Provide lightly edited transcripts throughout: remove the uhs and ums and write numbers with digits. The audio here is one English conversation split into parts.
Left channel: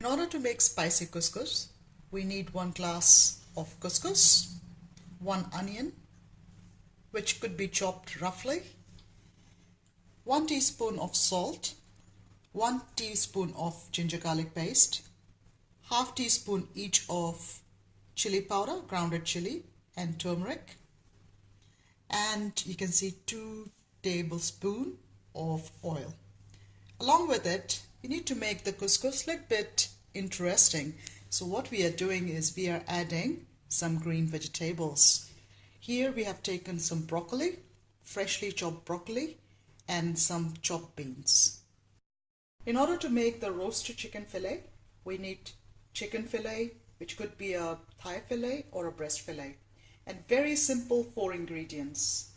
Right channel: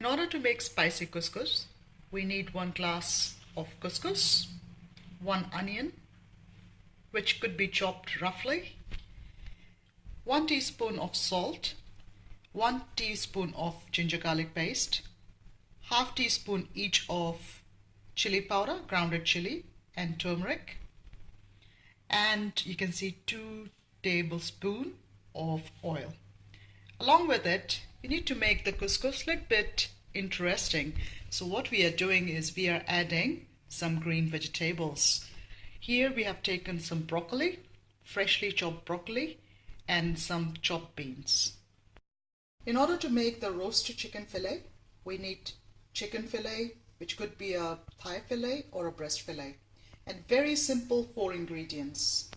In order to make spicy couscous, we need 1 glass of couscous, 1 onion, which could be chopped roughly, 1 teaspoon of salt, 1 teaspoon of ginger garlic paste, half teaspoon each of chili powder, grounded chili, and turmeric, and you can see 2 tablespoons of oil. Along with it, we need to make the couscous a little bit interesting. So what we are doing is we are adding some green vegetables. Here we have taken some broccoli, freshly chopped broccoli, and some chopped beans. In order to make the roasted chicken fillet, we need chicken fillet, which could be a thigh fillet or a breast fillet, and very simple 4 ingredients.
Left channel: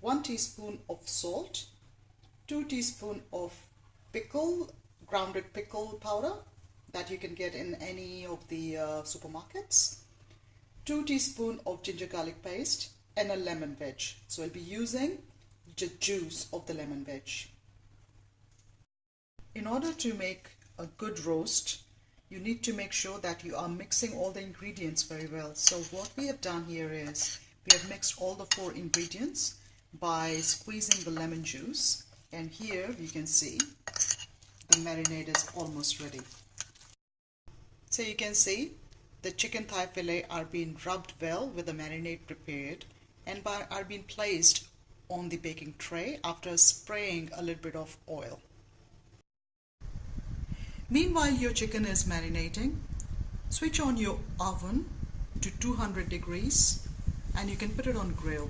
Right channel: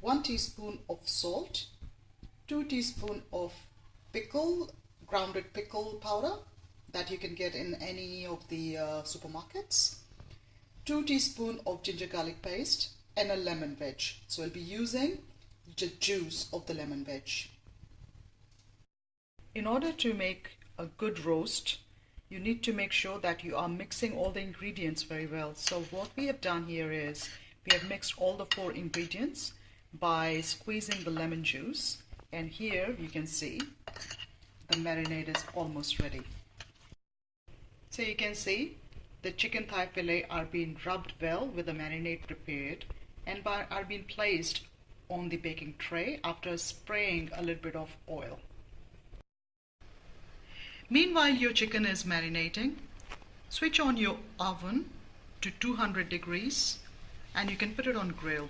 1 teaspoon of salt, 2 teaspoons of grounded pickle powder that you can get in any of the supermarkets, 2 teaspoons of ginger garlic paste, and a lemon wedge. So I'll be using the juice of the lemon wedge. In order to make a good roast, you need to make sure that you are mixing all the ingredients very well. So what we have done here is we have mixed all the 4 ingredients by squeezing the lemon juice, and here you can see the marinade is almost ready. So you can see the chicken thigh fillet are being rubbed well with the marinade prepared and are being placed on the baking tray after spraying a little bit of oil. Meanwhile your chicken is marinating, switch on your oven to 200 degrees and you can put it on grill.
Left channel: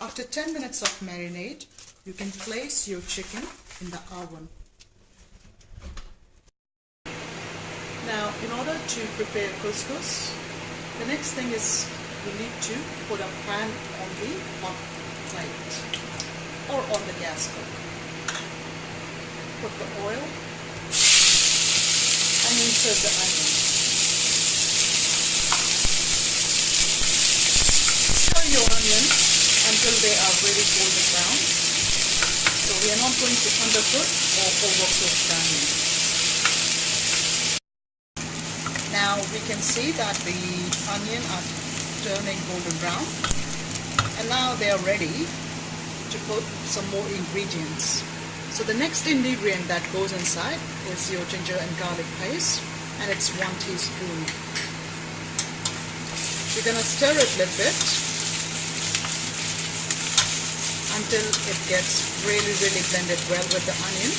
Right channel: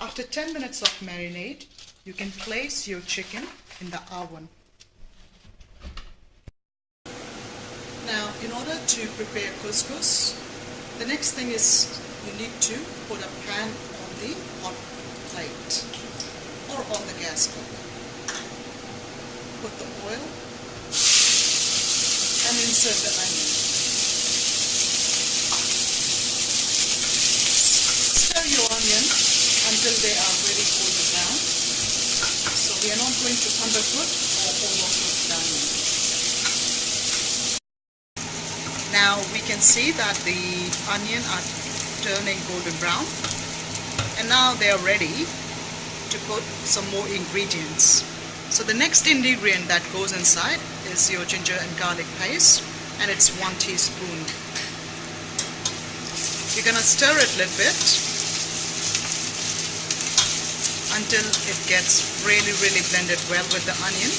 After 10 minutes of marinade, you can place your chicken in the oven. Now, in order to prepare couscous, the next thing is you need to put a pan on the hot plate or on the gas cook. Put the oil and insert the onion. Stir your onion until they are very golden brown. So we are not going to undercook or overcook the onion. Now we can see that the onion are turning golden brown, and now they are ready to put some more ingredients. So the next ingredient that goes inside is your ginger and garlic paste, and it's 1 teaspoon. We're going to stir it a little bit until it gets really blended well with the onion.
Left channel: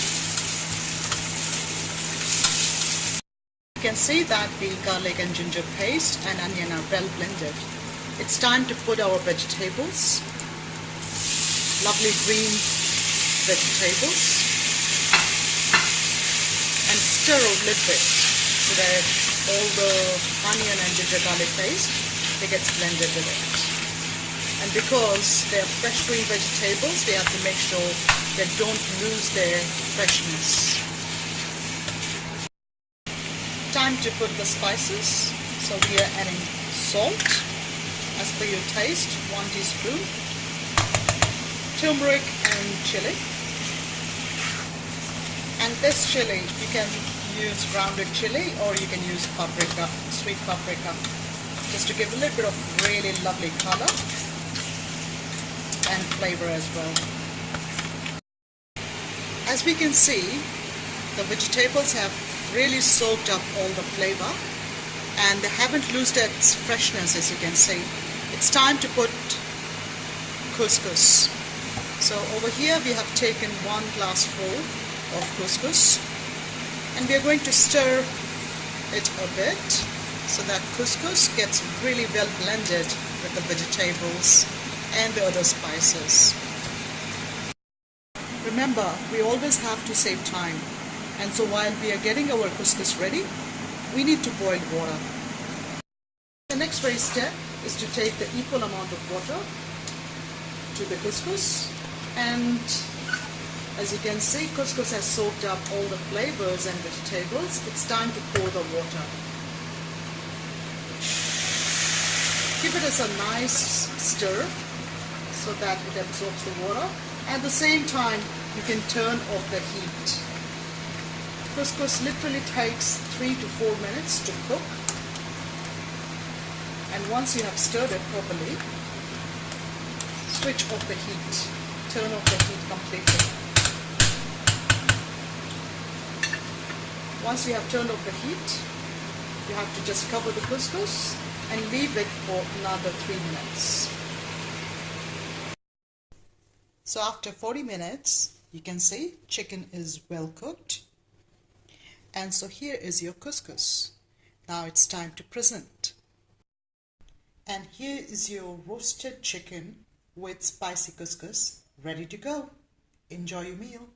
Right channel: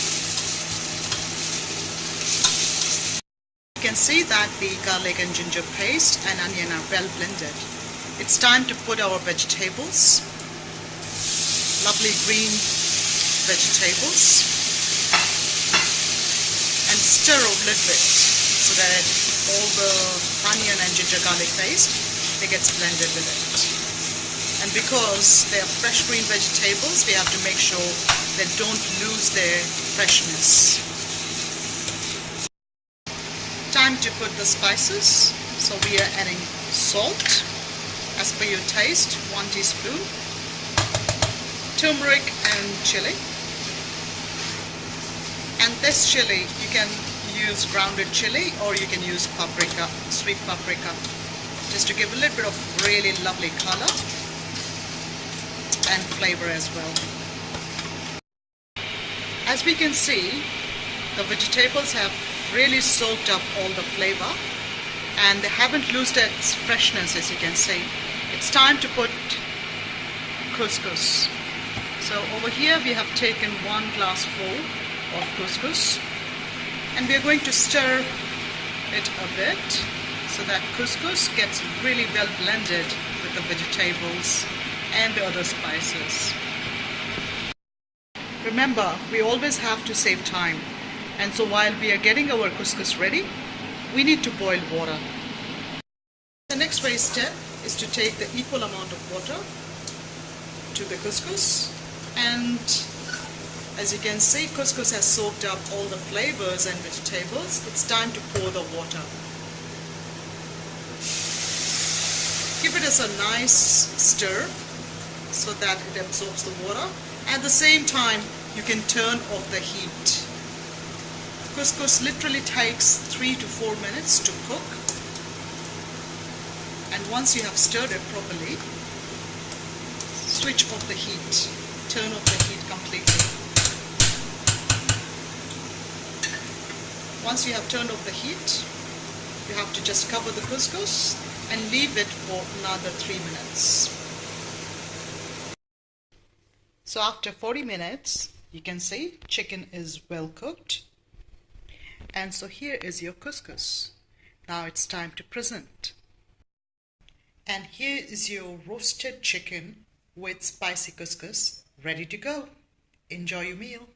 You can see that the garlic and ginger paste and onion are well blended. It's time to put our vegetables, lovely green vegetables, and stir a little bit so that all the onion and ginger garlic paste, it gets blended with it. And because they are fresh green vegetables, we have to make sure they don't lose their freshness. Time to put the spices. So we are adding salt as per your taste, 1 teaspoon, turmeric and chili. And this chili, you can use grounded chili or you can use paprika, sweet paprika, just to give a little bit of really lovely color and flavor as well. As we can see, the vegetables have really soaked up all the flavor and they haven't lost its freshness, as you can see. It's time to put couscous. So over here we have taken 1 glass full of couscous and we are going to stir it a bit so that couscous gets really well blended with the vegetables and the other spices. Remember, we always have to save time, and so while we are getting our couscous ready, we need to boil water. The next very step is to take the equal amount of water to the couscous, and as you can see, couscous has soaked up all the flavors and vegetables. It's time to pour the water. Give it as a nice stir so that it absorbs the water. At the same time, you can turn off the heat. Couscous literally takes 3 to 4 minutes to cook, and once you have stirred it properly, switch off the heat, turn off the heat completely. Once you have turned off the heat, you have to just cover the couscous and leave it for another 3 minutes. So after 40 minutes, you can see chicken is well cooked. And so here is your couscous. Now it's time to present. And here is your roasted chicken with spicy couscous ready to go. Enjoy your meal.